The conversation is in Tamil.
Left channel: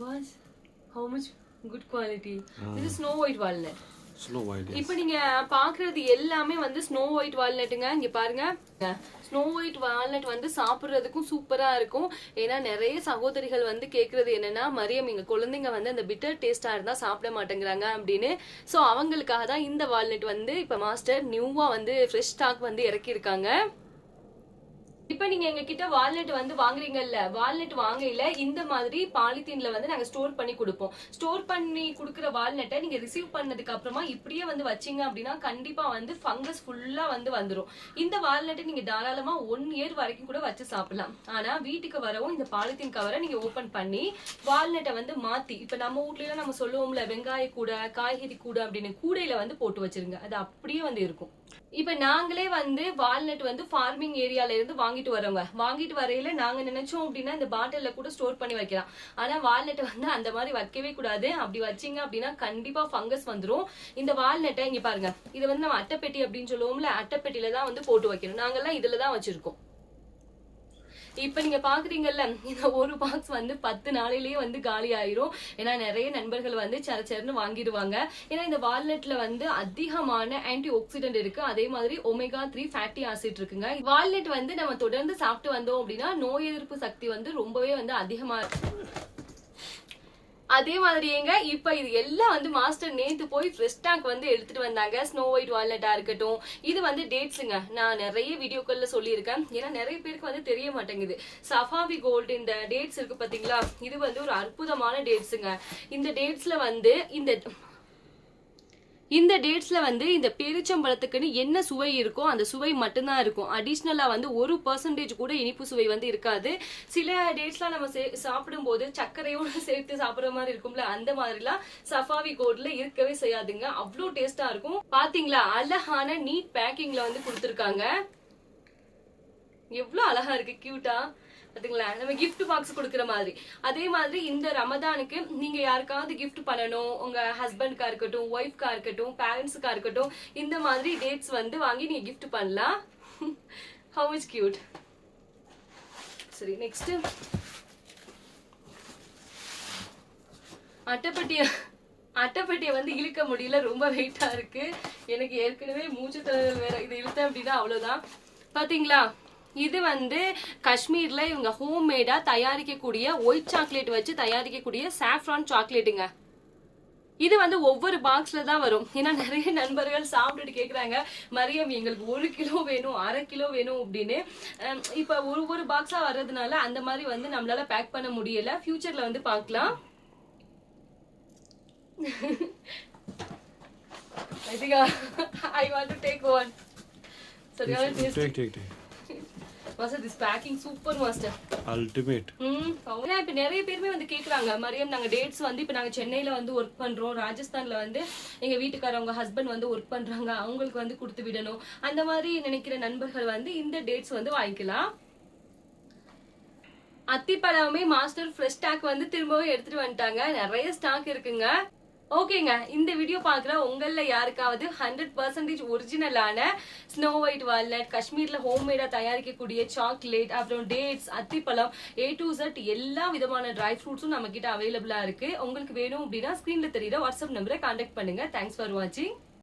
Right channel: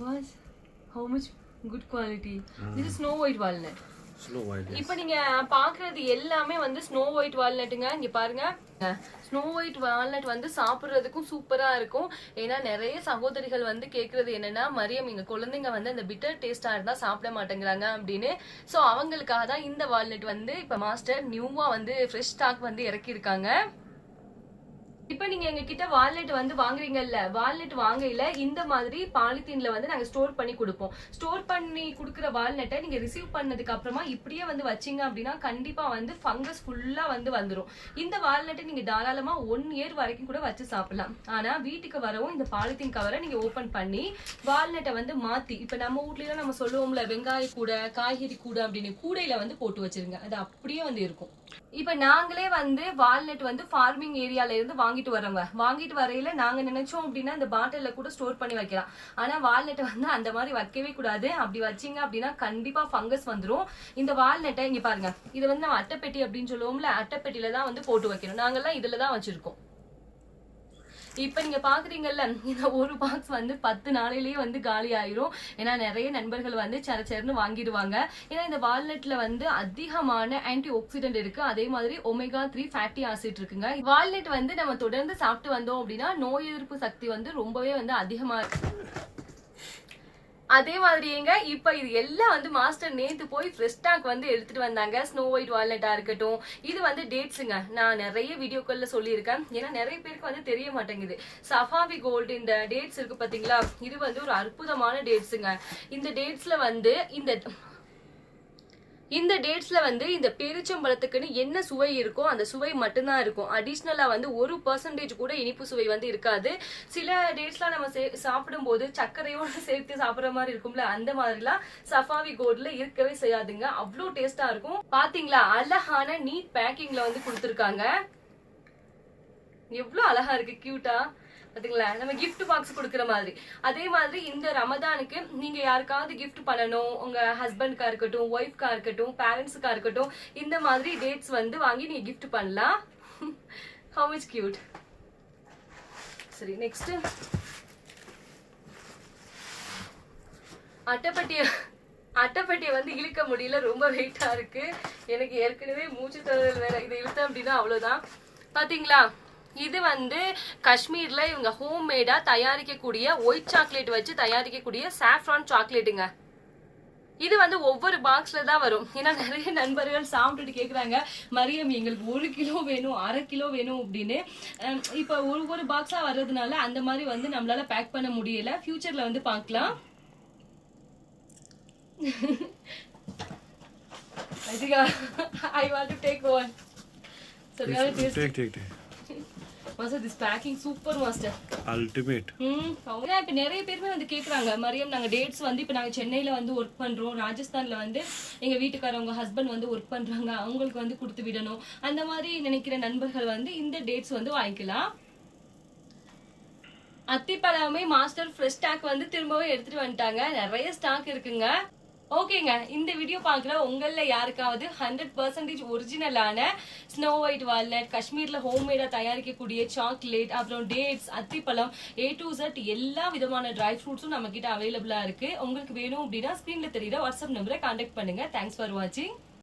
Was how much good quality. This is Snow White walnut. Snow White. இப்போ நீங்க பாக்குறது எல்லாமே வந்து Snow White walnutங்க. இங்க பாருங்க. Snow White walnut வந்து சாப்பிடுறதுக்கும் சூப்பரா இருக்கும். ஏன்னா நிறைய சகோதரிகள் வந்து கேக்குறது என்னன்னா மரியம் இங்க குழந்தைங்க வந்து அந்த பிட்டர் டேஸ்டா இருந்தா சாப்பிட மாட்டேங்கிறாங்க அப்படின்னு. சோ அவங்களுக்காக தான் இந்த வால்நட் வந்து இப்ப மாஸ்டர் நியூவா வந்து ஃப்ரெஷ் ஸ்டாக் வந்து இறக்கி இருக்காங்க. இப்ப நீங்க எங்க கிட்ட வால்நட் வந்து வாங்குறீங்கல்ல, வால்நட் வாங்கையில இந்த மாதிரி பாலித்தீன்ல வந்து நாங்க ஸ்டோர் பண்ணி கொடுப்போம். ஸ்டோர் பண்ணி கொடுக்குற வால்நட்டை நீங்க ரிசீவ் பண்ணதுக்கு அப்புறமா இப்படியே வந்து வச்சீங்க அப்படின்னா கண்டிப்பா வந்து ஃபங்கஸ் ஃபுல்லா வந்து வந்துரும். இந்த வால்நட்டை நீங்க தாராளமா 1 இயர் வரைக்கும் கூட வச்சு சாப்பிடலாம். ஆனா வீட்டுக்கு வரவும் இந்த பாலித்தீன் கவரை நீங்க ஓபன் பண்ணி வால்நட்டை வந்து மாத்தி, இப்ப நம்ம வீட்ல நம்ம சொல்லுவோம்ல வெங்காய கூடை, காய்கறி கூடை அப்படின்னு கூடையில வந்து போட்டு வச்சிருங்க. அது அப்படியே வந்து இருக்கும். இப்ப நாங்களே வந்து வால்நட் வந்து ஃபார்மிங் ஏரியால இருந்து வாங்கிட்டு வரோங்க. வாங்கிட்டு வரையில நாங்க நினைச்சோம் அப்படின்னா இந்த பாட்டில்ல கூட ஸ்டோர் பண்ணி வைக்கலாம். ஆனா வால்நட் வந்து அந்த மாதிரி வைக்கவே கூடாது. அப்படி வச்சீங்க அப்படின்னா கண்டிப்பா ஃபங்கஸ் வந்துரும். இந்த வால்நட்டை இங்க பாருங்க, இது வந்து நம்ம அட்டைப்பெட்டி அப்படின்னு சொல்லுவோம்ல, அட்டைப்பெட்டியில தான் வந்து போட்டு வைக்கணும். நாங்கெல்லாம் இதுலதான் வச்சிருக்கோம். இப்ப நீங்க பாக்குறீங்கல்ல, இந்த ஒரு பாக்ஸ் வந்து 10 நாளிலேயே வந்து காலி ஆயிரும். ஏன்னா நிறைய நண்பர்கள் வந்து சரச்சரன்னு வாங்கிடுவாங்க. ஏன்னா இந்த வால்நட்ல வந்து அதிகமான ஆன்டி ஆக்சிடென்ட் இருக்கு. அதே மாதிரி ஒமேகா 3 ஃபேட்டி ஆசிட் இருக்குங்க. வால்நட் வந்து நம்ம தொடர்ந்து சாப்பிட்டு வந்தோம் அப்படின்னா நோய் எதிர்ப்பு சக்தி வந்து ரொம்பவே வந்து அதிகமா இருக்கு. அதே மாதிரிங்க இப்ப இது எல்லாம் வந்து மாஸ்டர் நேத்து போய் ஃப்ரெஷ் ஸ்டாக் வந்து எடுத்துட்டு வந்தாங்க. ஸ்னோ ஒயிட் வால்நட்டா இருக்கட்டும், இது வந்து டேட்ஸுங்க. நான் நிறைய வீடியோக்கள்ல சொல்லியிருக்கேன். ஏன்னா நிறைய பேருக்கு வந்து தெரிய மாட்டேங்குது. சஃபாவி கோல்டு இந்த டேட்ஸ் இருக்கு பாத்தீங்களா, இது வந்து ஒரு அற்புதமான டேட்ஸுங்க. இந்த டேட்ஸ்ல வந்து இந்த டேட்ஸ்ல வந்து இந்த பேரிச்சம்பழத்துக்குன்னு என்ன சுவை இருக்கோ அந்த சுவை மட்டும்தான் இருக்கும். அடிஷ்னலா வந்து 1% கூட இனிப்பு சுவை வந்து இருக்காது. சில டேட்ஸ்லாம் நம்ம சாப்பிடும் போது சர்க்கரையோட சேர்த்து சாப்பிடுற மாதிரி இருக்கும்ல, அந்த மாதிரிலாம் சஃபாவி கோல்ட்ல இருக்கவே செய்யாதுங்க. அவ்வளோ டேஸ்டா இருக்கும். பாத்தீங்களா, அழகான நீட் பேக்கிங்ல வந்து கொடுத்துருக்காங்க. எவ்வளவு அழகா இருக்கு, கியூட்டா பாத்தீங்களா, நம்ம கிஃப்ட் பாக்ஸ் கொடுக்குற மாதிரி. அதே மாதிரி இந்த ரமதானுக்கு நீங்க யாருக்காவது கிஃப்ட் பண்ணணும், உங்க ஹஸ்பண்ட்கா இருக்கட்டும், ஒய்ஃப்கா இருக்கட்டும், பேரண்ட்ஸுக்கா இருக்கட்டும், இந்த மாதிரி டேட்ஸ் வந்து வாங்கி நீங்க கிஃப்ட் பண்ணலாம். How much cute. சரி, நெக்ஸ்ட் அட்டைப்பட்டியை வந்து இழுக்க முடியல, ரொம்ப வெயிட்டா இருக்கு. எனக்கு ஏற்கனவே மூச்சு திணறல் வேற, இது இழுத்த அப்படின்னா அவ்வளவுதான். பாத்தீங்களா, இது வந்து காஷ்மீர்ல இவங்க ஹோம் மேடா தயாரிக்கக்கூடிய ஒயிட் சாக்லேட் வச்சு தயாரிக்கக்கூடிய சாஃப்ரான் சாக்லேட்டுங்க. இது வந்து ஒவ்வொரு பாக்ஸ்ல தான் வரும். ஏன்னா நிறைய நண்பர்கள் சாப்பிட்டுட்டு கேக்குறாங்க, மரியம் எங்களுக்கு 1 கிலோ வேணும், 1/2 கிலோ வேணும் அப்படின்னு. இப்ப ஒரு பாக்ஸா வர்றதுனால அந்த மாதிரி வந்து நம்மளால பேக் பண்ண முடியல. ஃபியூச்சர்ல வந்து பார்க்கலாம். I want to take one. Take. Master, this packing super master. Ultimate. இப்ப நிறைய பேருமே வந்து கேக்குறாங்க, மரியம் நாங்க டேட்ஸ் வந்து இப்ப நாங்க சென்னையில வந்து ஒர்க் பண்றோம், ராஜஸ்தான்ல வந்து எங்க வீட்டுக்காரவங்க ஹஸ்பண்ட் வந்து ஒர்க் பண்றாங்க, அவங்களுக்கு வந்து கொடுத்து விடணும், அந்த மாதிரி நினைக்கிற நண்பர்கள் வந்து இந்த டேட்ஸ் வந்து வாங்கிக்கலாம். அத்திப்பழமே மாஸ்டர் ஃப்ரெஷ் ஸ்டாக் வந்து திரும்பவும் எடுத்துட்டு வந்துட்டாங்க. நிறைய ஸ்டாக் இருக்குங்க. ஓகேங்க, இந்த வீடியோ பாக்குற உங்கள யாருக்காவது 100% ஒரிஜினலான ஸ்னோ ஒயிட் வால்நட், காஷ்மீர்ல ஹோம்மேடா தயாரிக்கக்கூடிய சாக்லேட், அப்புறம் டேட்ஸ், அத்திப்பழம், A to Z எல்லா விதமான ட்ரை ஃப்ரூட்ஸும் நம்ம கிட்ட அவைலபிளா இருக்கு. உங்களுக்கு வேணும் அப்படின்னா ஸ்கிரீன்ல தெரியுற வாட்ஸ்அப் நம்பரை கான்டாக்ட் பண்ணுங்க. தேங்க்ஸ் ஃபார் வாட்சிங்.